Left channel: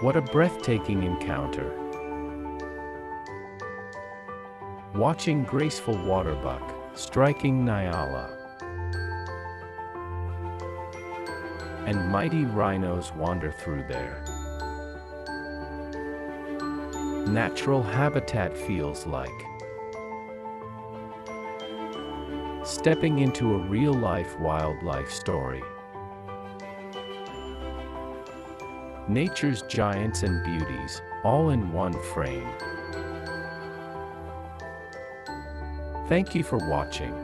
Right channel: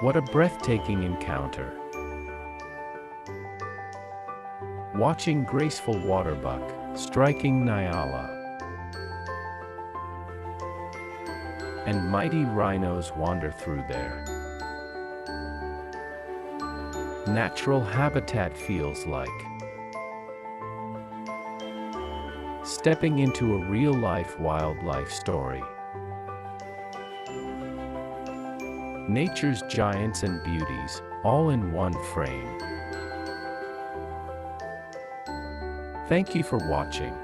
What a breathtaking encounter! Watching graceful waterbuck striking Nyala and mighty rhinos wander through there. Natural habitat feels like stepping into a real-life wildlife story. Nature's giants and beauties, all in one frame. Thank you for watching.